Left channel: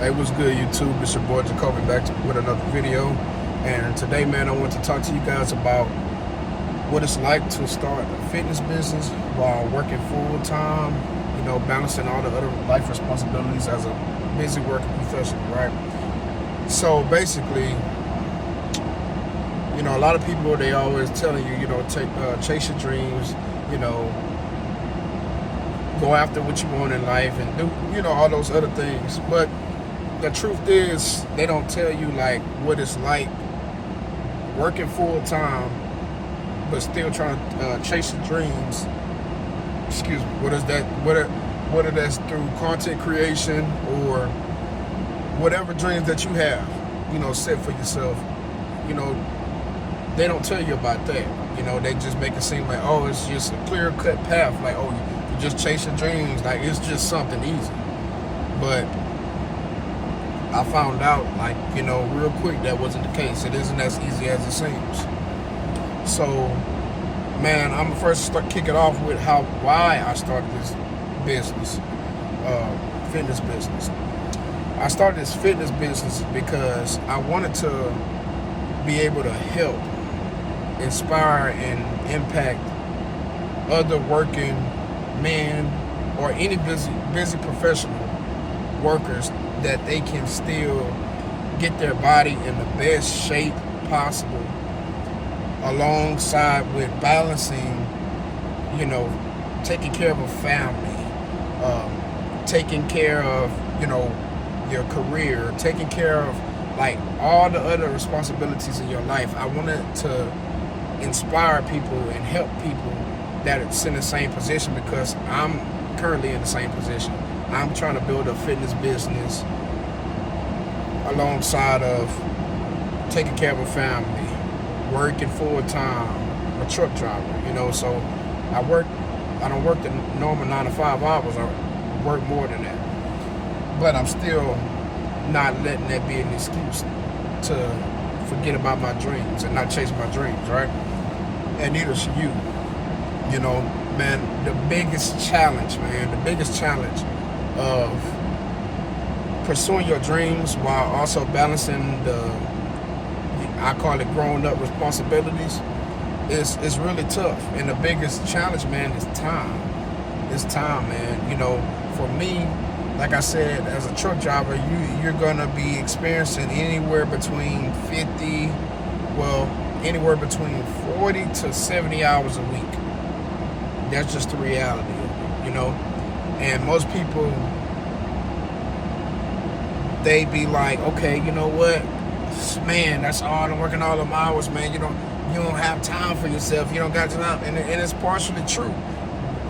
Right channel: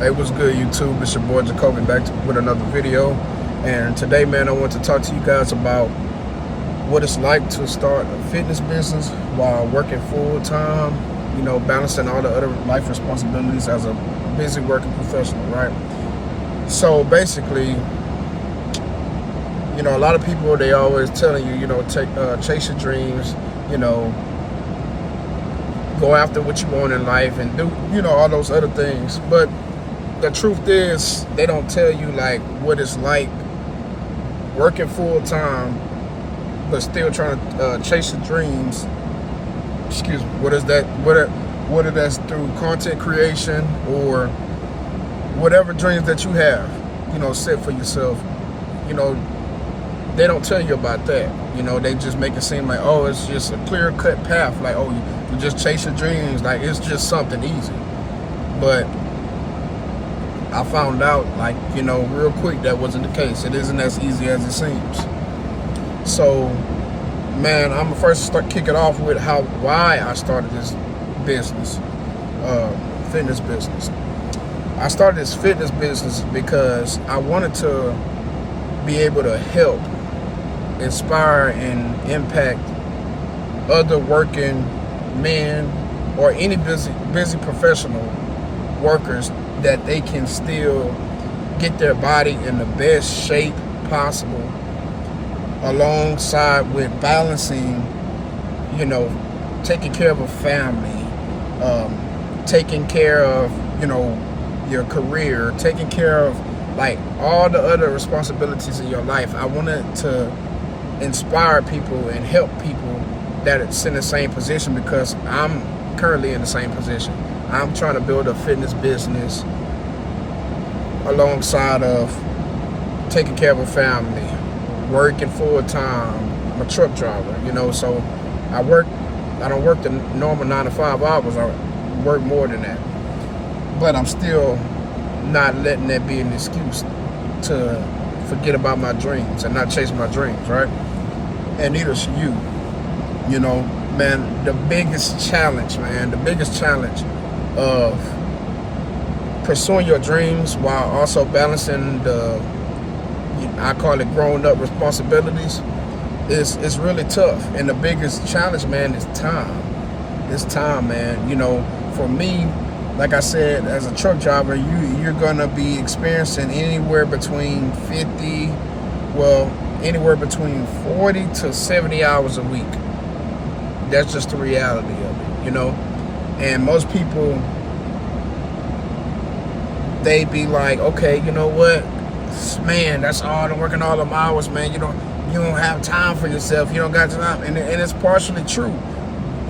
Hey, what's good, YouTube? It's your boy Jacoby back with another video. And today, man, I want to talk to you guys about what it's like to start a fitness business while working full time, balancing all the other life responsibilities as a busy working professional, right? So basically, a lot of people, they always telling you, chase your dreams, go after what you want in life and do, all those other things. But the truth is, they don't tell you like what it's like working full time, but still trying to chase your dreams. Excuse me. What is that? Whether that's through content creation or whatever dreams that you have, set for yourself. They don't tell you about that. They just make it seem like, oh, it's just a clear-cut path. Like, oh, you just chase your dreams. Like, it's just something easy. But I found out, real quick, that wasn't the case. It isn't as easy as it seems. So, man, I'm gonna first kick it off with why I started this business, fitness business. I started this fitness business because I wanted to be able to help, inspire, and impact other working men or any busy professional workers, that they can still get their body in the best shape possible, alongside with balancing, taking care of a family, taking care of, your career, taking care of like all the other responsibilities in your life. I wanted to inspire people and help people that's in the same position, because I'm currently in the same position. I'm trying to build a fitness business alongside of taking care of a family, working full time. I'm a truck driver, so I don't work the normal 9 to 5 hours. I work more than that. But I'm still not letting that be an excuse to forget about my dreams and not chase my dreams, right? And neither should you. Man, the biggest challenge of pursuing your dreams while also balancing I call it grown up responsibilities, is really tough. And the biggest challenge, man, is time. It's time, man. For me, like I said, as a truck driver, you're gonna be experiencing anywhere between 40 to 70 hours a week. That's just the reality of it, And most people, they be like, okay, you know what, man, that's all I'm working all them hours, man. You don't have time for yourself. You don't got time, and it's partially true.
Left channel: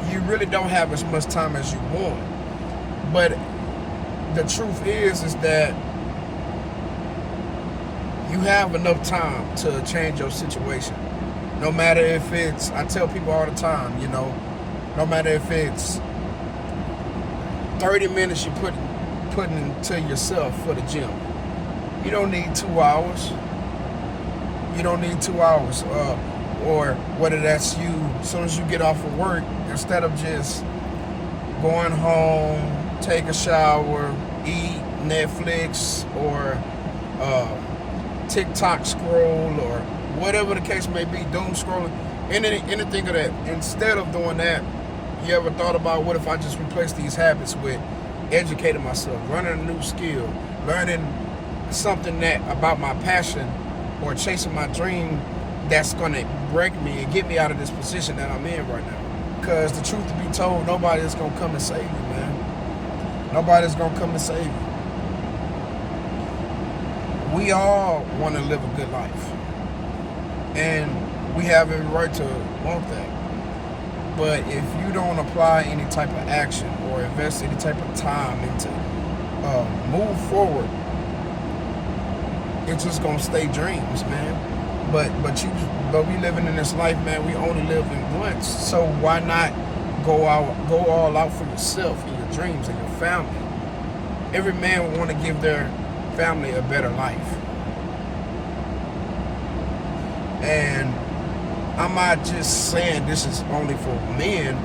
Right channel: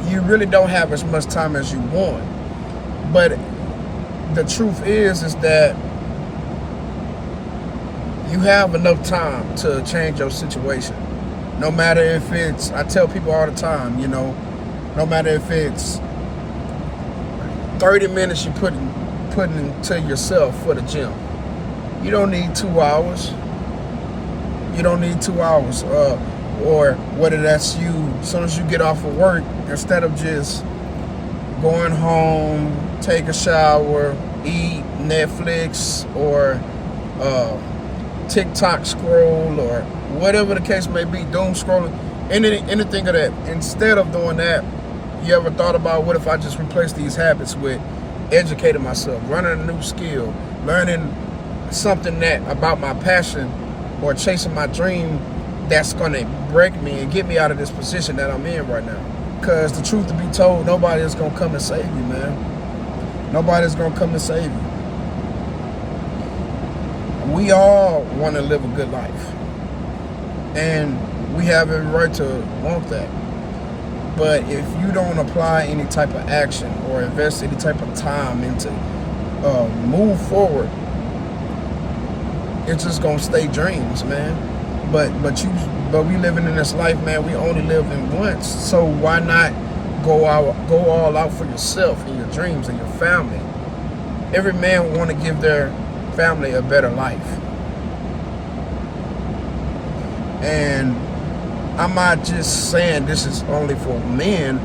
You really don't have as much time as you want. But the truth is that you have enough time to change your situation. No matter if it's, I tell people all the time, no matter if it's 30 minutes you putting into yourself for the gym. You don't need 2 hours. You don't need 2 hours. Or whether that's you, as soon as you get off of work, instead of just going home, take a shower, eat, Netflix, or TikTok scroll, or whatever the case may be, doom scrolling, anything of that. Instead of doing that, you ever thought about, what if I just replace these habits with educating myself, learning a new skill, learning something that about my passion, or chasing my dream that's gonna break me and get me out of this position that I'm in right now? Because the truth to be told, nobody is gonna come and save you, man. Nobody's gonna come and save you. We all want to live a good life, and we have every right to want that. But if you don't apply any type of action or invest any type of time into move forward, it's just gonna stay dreams, man. But we living in this life, man. We only live in once, so why not go all out for yourself and your dreams and your family? Every man want to give their family a better life, and I'm not just saying this is only for men.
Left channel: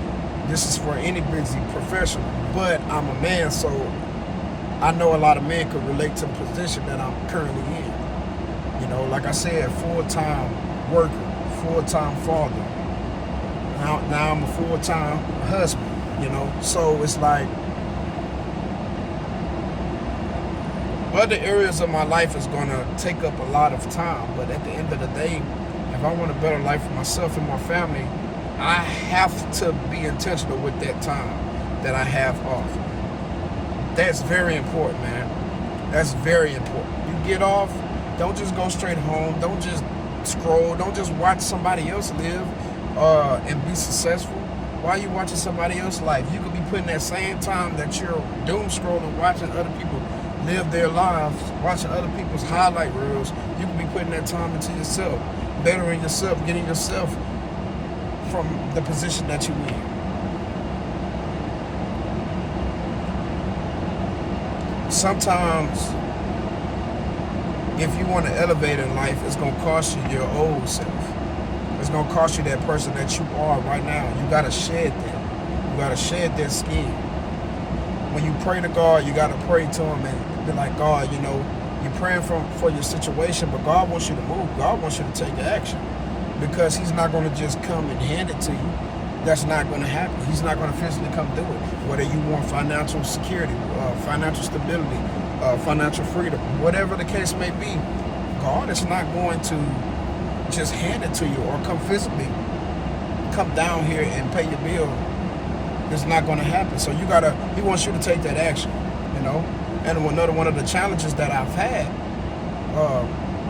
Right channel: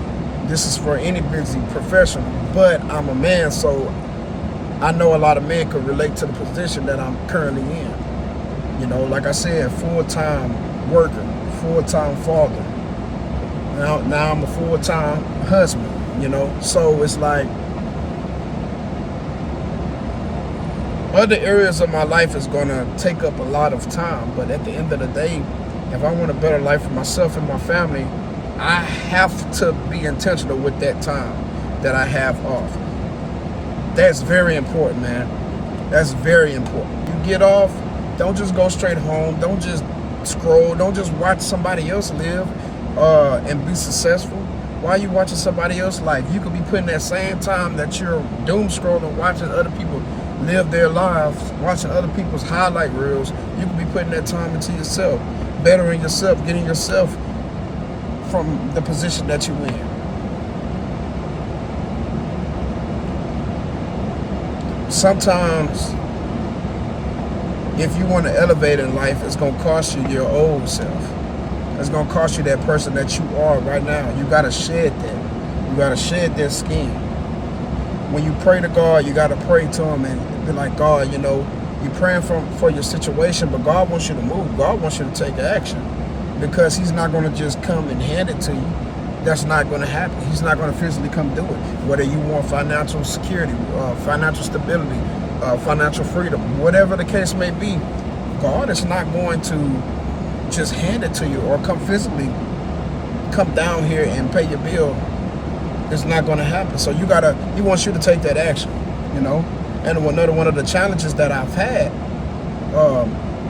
This is for any busy professional. But I'm a man, so I know a lot of men could relate to the position that I'm currently in. You know, like I said, full-time worker, full-time father. Now I'm a full-time husband, you know. So it's like other areas of my life is gonna take up a lot of time, but at the end of the day, if I want a better life for myself and my family, I have to be intentional with that time that I have off. That's very important, man. That's very important. You get off, don't just go straight home. Don't just scroll. Don't just watch somebody else live and be successful. Why are you watching somebody else's life? You could be putting that same time that you're doom scrolling, watching other people live their lives, watching other people's highlight reels. You could be putting that time into yourself, bettering yourself, getting yourself from the position that you're in. Sometimes, if you want to elevate in life, it's going to cost you your old self. It's going to cost you that person that you are right now. You got to shed that. You got to shed that skin. When you pray to God, you got to pray to him and be like, God, you know, you're praying for your situation, but God wants you to move. God wants you to take action, because he's not going to just come and hand it to you. That's not going to happen. He's not going to physically come do it. Whether you want financial security, financial stability, financial freedom, whatever the case may be, God is not going to just hand it to you or come physically, come down here and pay your bill. It's not going to happen. So he wants you to take that action, you know. And another one of the challenges that I've had,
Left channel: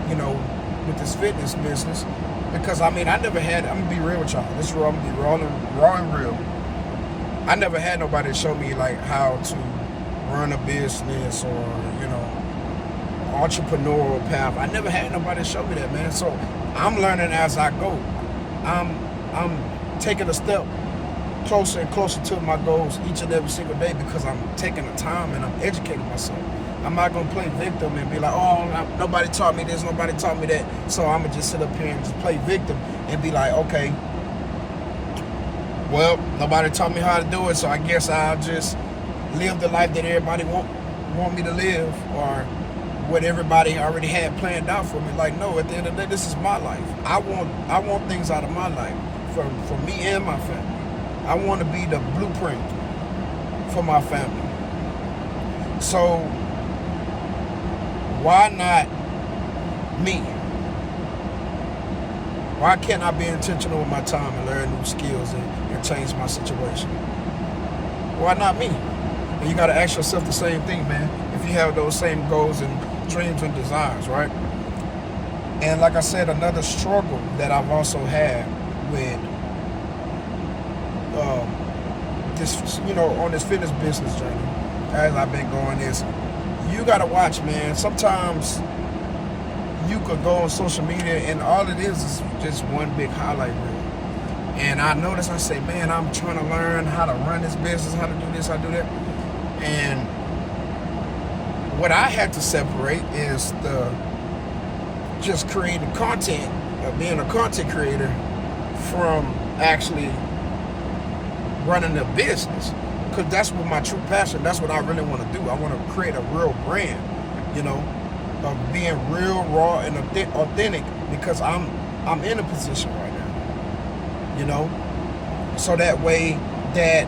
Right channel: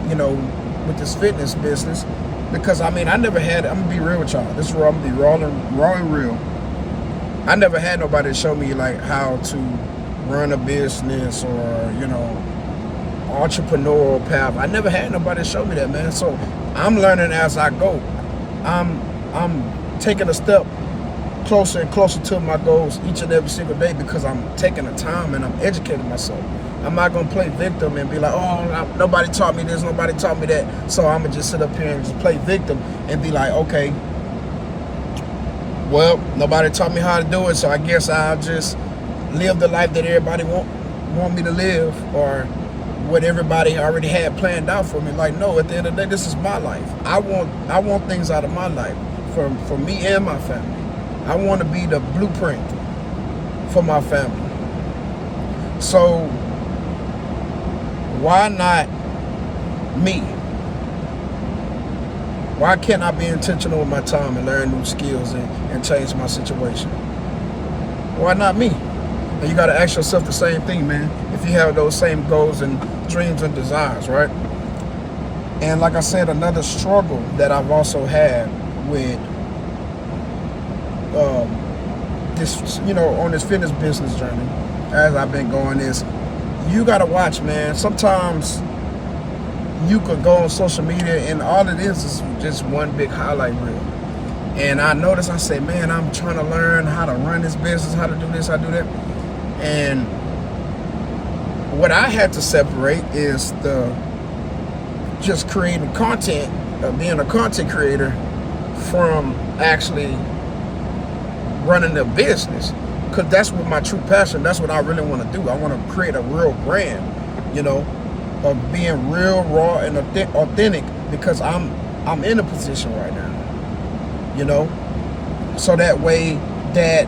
you know, with this fitness business, because I mean, I never had, I'm gonna be real with y'all. This is raw, I'm gonna be raw and real. I never had nobody show me like how to run a business or, you know, entrepreneurial path. I never had nobody show me that, man. So I'm learning as I go. I'm taking a step closer and closer to my goals each and every single day, because I'm taking the time and I'm educating myself. I'm not going to play victim and be like, oh, nobody taught me this, nobody taught me that, so I'm going to just sit up here and just play victim and be like, okay, well, nobody taught me how to do it, so I guess I'll just live the life that everybody want me to live, or what everybody already had planned out for me. Like, no, at the end of the day, this is my life. I want things out of my life for me and my family. I want to be the blueprint for my family. So why not me? Why can't I be intentional with my time and learn new skills and change my situation? Why not me? And you got to ask yourself the same thing, man, if you have those same goals and dreams and desires, right? And like I said, another struggle that I've also had with this, you know, on this fitness business journey as I've been going is, you gotta watch, man. Sometimes you could go on social media and all it is just one big highlight reel. And I notice, I say, man, I'm trying to learn how to run this business, how to do this, how to do that. And what I had to separate is the just creating content, being a content creator, from actually running a business, because that's what my true passion, that's what I really want to do. I want to create a real brand, you know, of being real, raw, and authentic, because I'm in a position right now, you know, so that way that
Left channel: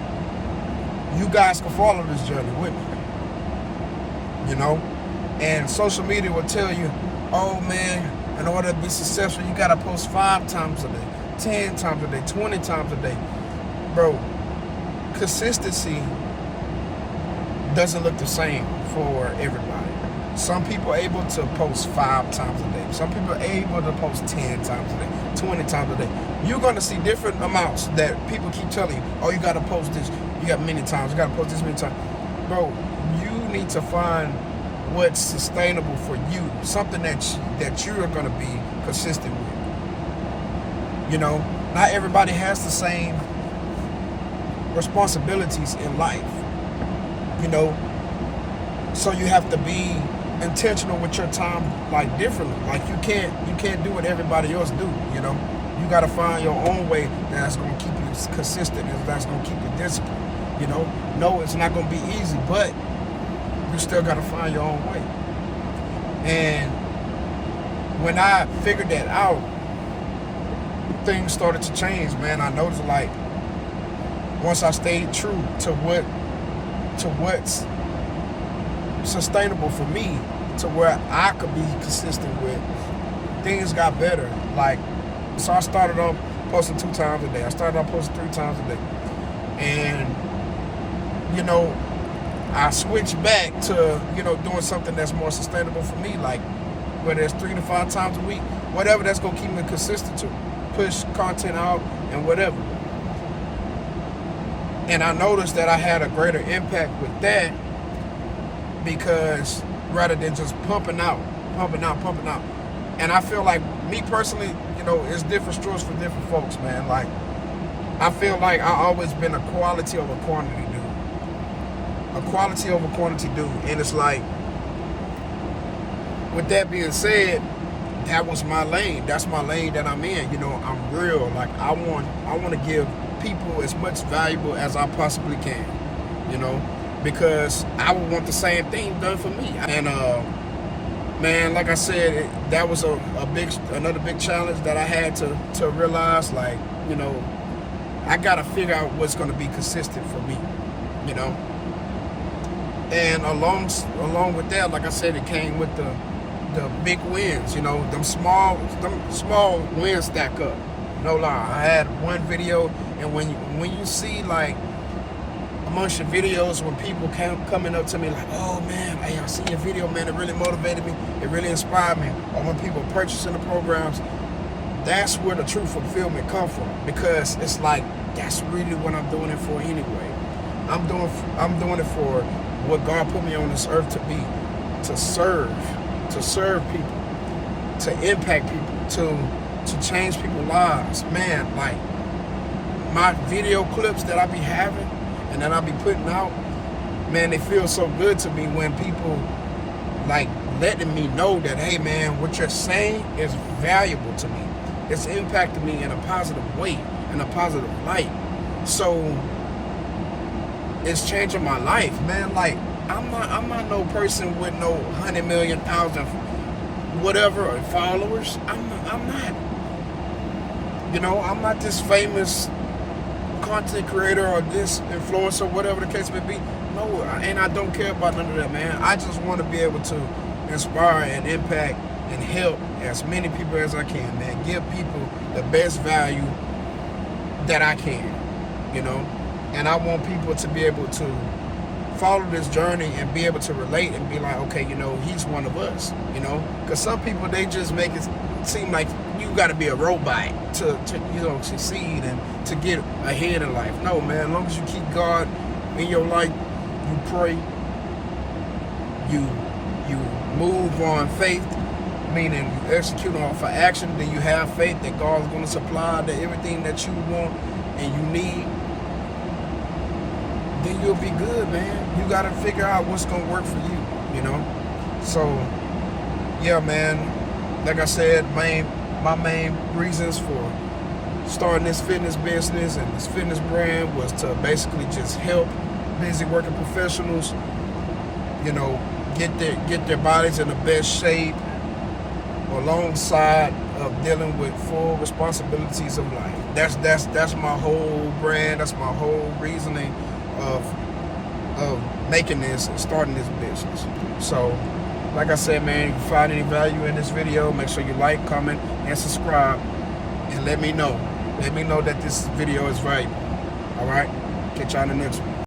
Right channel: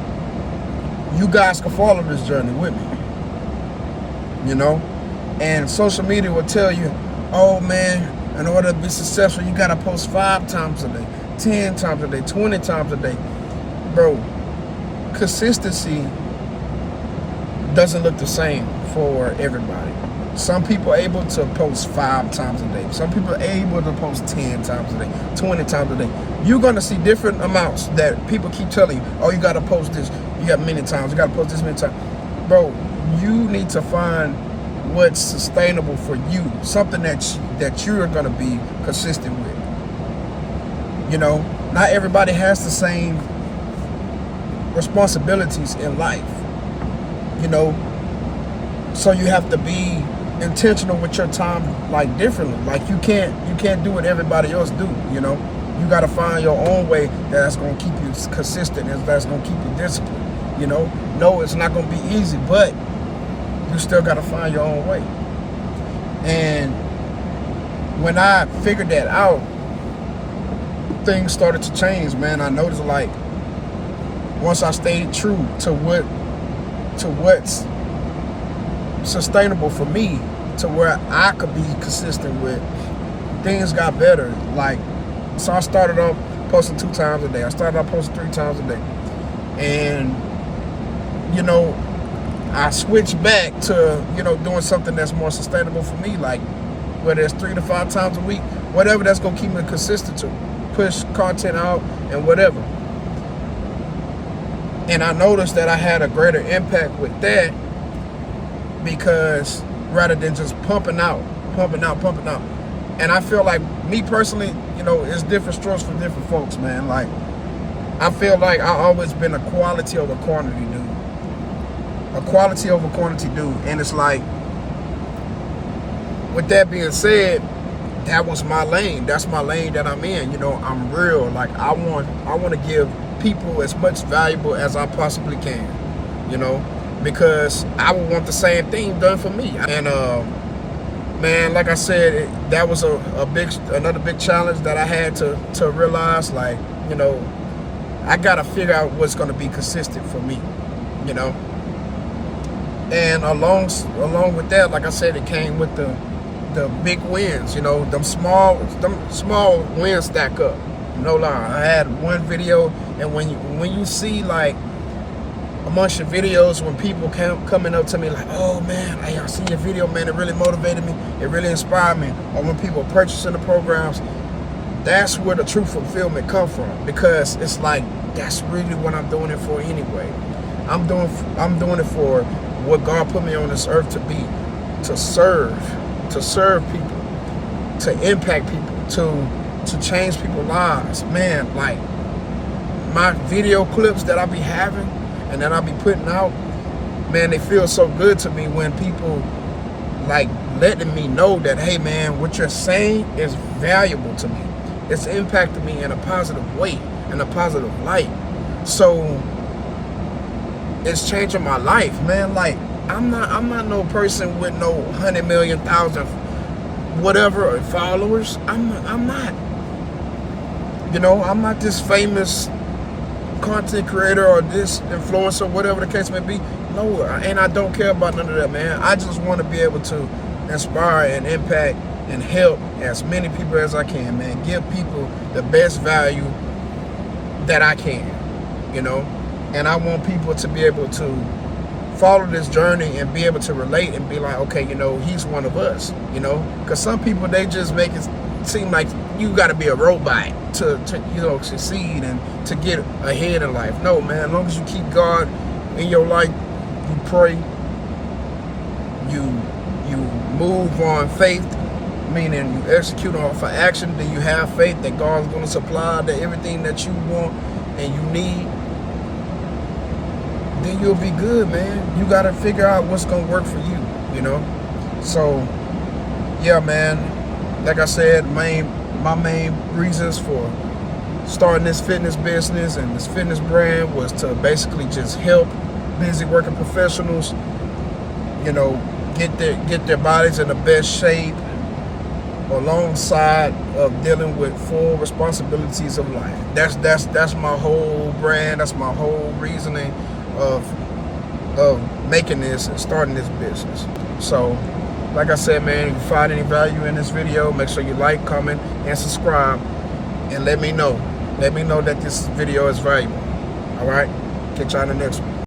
you guys can follow this journey with me, you know. And social media will tell you, oh man, in order to be successful, you got to post 5 times a day, 10 times a day, 20 times a day. Bro, consistency doesn't look the same for everybody. Some people are able to post 5 times a day. Some people are able to post 10 times a day, 20 times a day. You're going to see different amounts that people keep telling you, oh, you got to post this. You got many times. You got to post this many times. Bro, you need to find what's sustainable for you, something that you're going to be consistent with. You know, not everybody has the same responsibilities in life, you know, so you have to be intentional with your time, like, differently. Like, you can't do what everybody else do, you know. You got to find your own way that's going to keep you consistent and that's going to keep you disciplined, you know. No, it's not going to be easy, but you you still got to find your own way. And when I figured that out, things started to change, man. I noticed, like, once I stayed true to what's sustainable for me, to where I could be consistent with, things got better. Like, so I started off posting 2 times a day. I started off posting 3 times a day. And, you know, I switched back to, you know, doing something that's more sustainable for me, like whether it's 3 to 5 times a week, whatever that's gonna keep me consistent to push content out and whatever. And I noticed that I had a greater impact with that, because rather than just pumping out. And I feel like, me personally, you know, it's different strokes for different folks, man. Like, I feel like I always been a quality over quantity dude. A quality over quantity dude. And it's like, with that being said, that was my lane. That's my lane that I'm in. You know, I'm real. Like, I want to give people as much valuable as I possibly can, you know, because I would want the same thing done for me. And man, like I said, that was another big challenge that I had to realize. Like, you know, I gotta figure out what's gonna be consistent for me, you know. And along with that, like I said, it came with the big wins. You know, them small wins stack up. No lie. I had one video, and when you see, like, amongst your videos, when people coming up to me like, oh man, hey, I seen your video, man, it really motivated me, it really inspired me, or when people purchasing the programs, that's where the true fulfillment come from, because it's like, that's really what I'm doing it for anyway. I'm doing it for what God put me on this earth to be, to serve people, to impact people, to change people's lives. Man, like, my video clips that I be having and that I be putting out, man, they feel so good to me when people, like, letting me know that, hey man, what you're saying is valuable to me. It's impacting me in a positive way, in a positive light. So it's changing my life, man. Like, I'm not no person with no 100 million, 1,000, whatever followers. I'm not. You know, I'm not this famous content creator or this influencer, whatever the case may be. No, and I don't care about none of that, man. I just want to be able to inspire and impact and help as many people as I can, man. Give people the best value that I can, you know. And I want people to be able to follow this journey and be able to relate and be like, okay, you know, he's one of us, you know. Because some people, they just make it seem like you got to be a robot to you know, succeed and to get ahead in life. No, man, as long as you keep God in your life, you pray, you move on faith, meaning you execute on for action, then you have faith that God's going to supply everything that you want and you need, then you'll be good, man. You got to figure out what's going to work for you, you know. So, yeah, man, like I said, my main reasons for starting this fitness business and this fitness brand was to basically just help busy working professionals, you know, get their bodies in the best shape, alongside of dealing with full responsibilities of life. That's my whole brand. That's my whole reasoning of making this and starting this business. So, like I said, man, if you find any value in this video, make sure you like, comment, and subscribe, and let me know. Let me know that this video is valuable. All right? Catch y'all in the next one.